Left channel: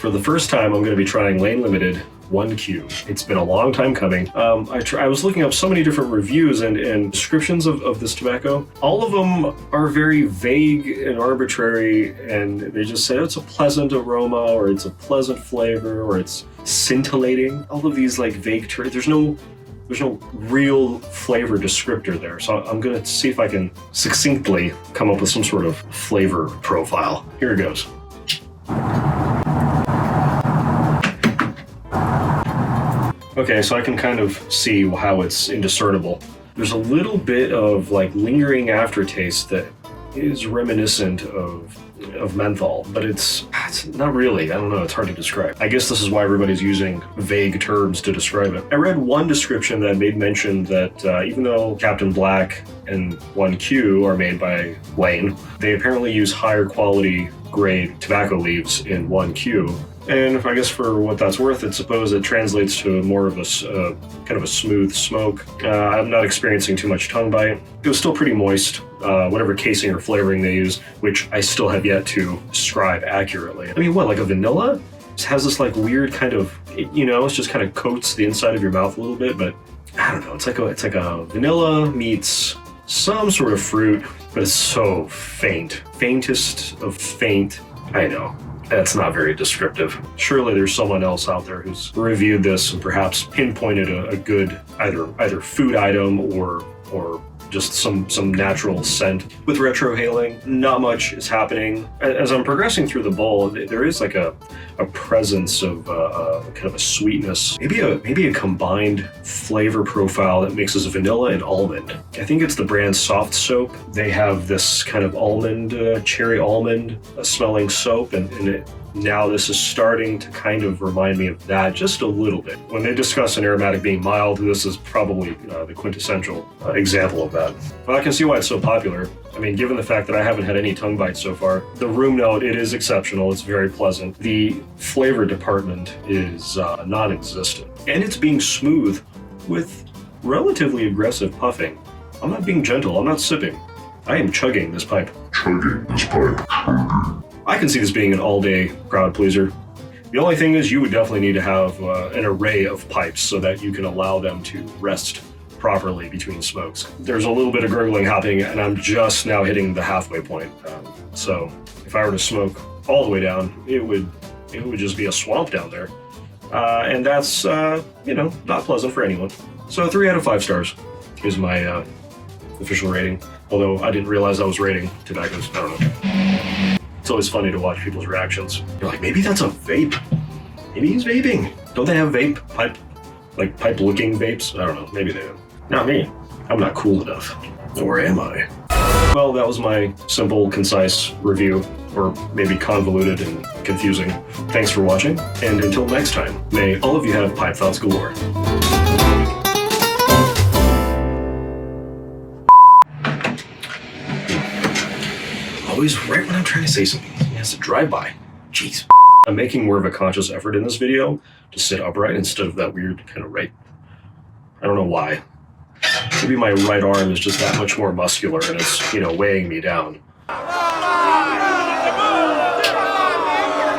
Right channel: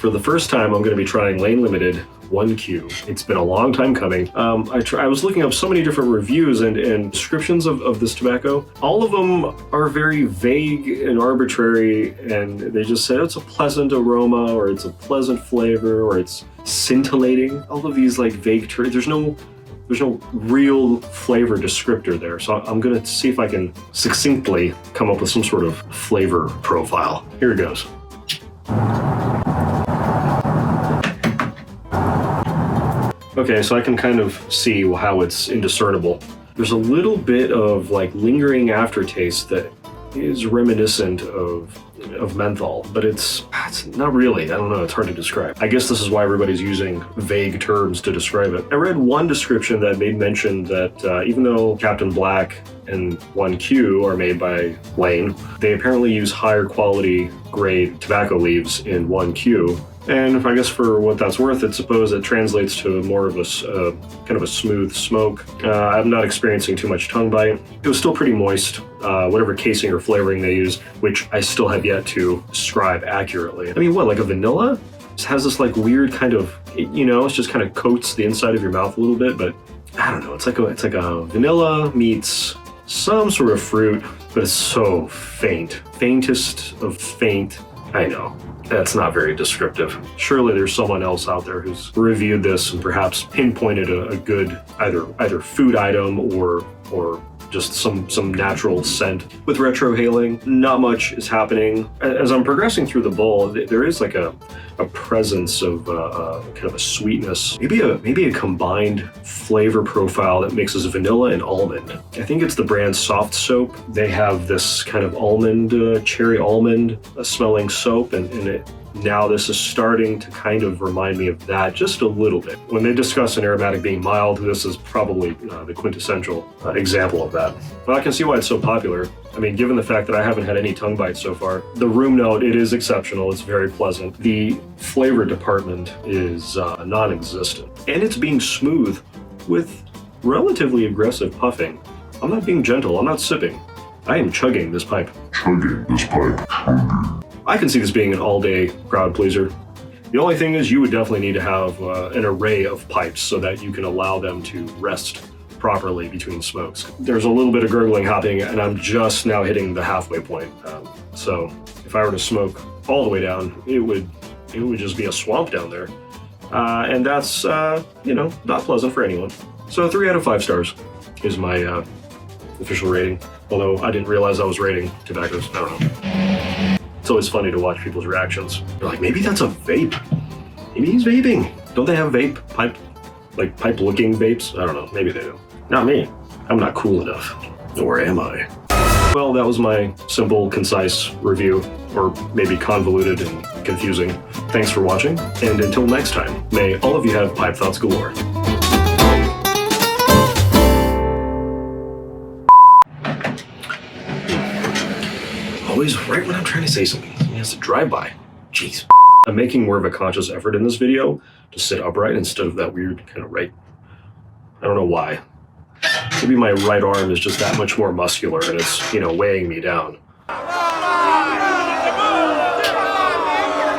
For the first time, I'm going to be trying lane limited 1Q. It's been a long time coming. I was looking up so many different reviews and descriptions of this tobacco. All of them are very vague and arbitrary, and they just say it's a pleasant aroma, or it's a pleasant flavor, or it's scintillating. All of these like vague terms. There's no real flavor descriptor there. So I'm gonna see if I can succinctly come up with some sort of flavor profile. Here it goes. Okay, so I can kind of see how it's indiscernible. There's a little bit of like lingering aftertaste that is reminiscent of menthol, but it's not really. I don't know, it's hard to describe. I guess this is why everybody's using vague terms to describe it. I read one description that made mention that even though Captain Black and 1Q are made by Lane, they apparently use higher quality grade tobacco leaves in 1Q. And if I guess for what that's worth, I suppose it translates to more of a kind of a smooth smoke. I'm not experiencing too much tongue bite. It was still pretty moist, whatever casing or flavoring they use, which I still have yet to describe accurately. I mean, what, like a vanilla? It has this like weird kind of, you know, it just kind of coats the inside of your mouth a little bit, but I don't know. It's like a vanilla meets some sort of fruit, but it's so faint. Faintest of faint. I know. That's not very descriptive. Surely there's someone else out there who's reviewed this and perhaps pinpointed a good either food item or just some natural scent. With retrohaling, not much is happening. As I'm progressing through the bowl, there is like a presence of kind of a sweetness, maybe a combined flavor profile that mixes vanilla and almond. I think it's the brand Soft Soap. They have this kind of almond, cherry almond smelling soap, and now this is starting to kind of remind me of that just a little bit. When they discuss an aromatic being mild, this is probably the quintessential example of that. Well, I can see why it's so popular. I mean, given the fact that I haven't had any tongue bites so far, the room note, it is exceptional. It's very pleasant. The flavor department is non-existent. And it's being smooth with relatively aggressive puffing. I'm not being gentle. I'm not sipping. I am chugging this pipe. I can see this being an all-day crowd pleaser. The only thing is you would definitely need to have an array of pipes so that you can allow them to rest properly between smokes. There's a little bit of gurgling happening, and I'm just now hitting the halfway point. So if I were to smoke all the way down, it would just be a swamp down there. And that's, not pleasant for anyone. So 3 out of 5 stars is my official rating. Although I didn't realize I was rating tobaccos. I don't know. It's always funny to watch people's reactions. You're like, maybe that's a vape. Maybe he's vaping. Don't they have pipe-looking vapes? I don't know. Maybe they do. Not me. I'm not cool enough. Or am I? Well, that was my simple, concise review, or maybe convoluted and confusing. Thanks for watching, and until next time, may all of you have pipe thoughts galore. Always right when I'm trying to say something. He has to drive by. Jeez. I'm making more of a conscious effort in this video to sit upright instead of that weird kind of right. I don't know why. Maybe my right arm is just that much more muscular and it's, weighing me down.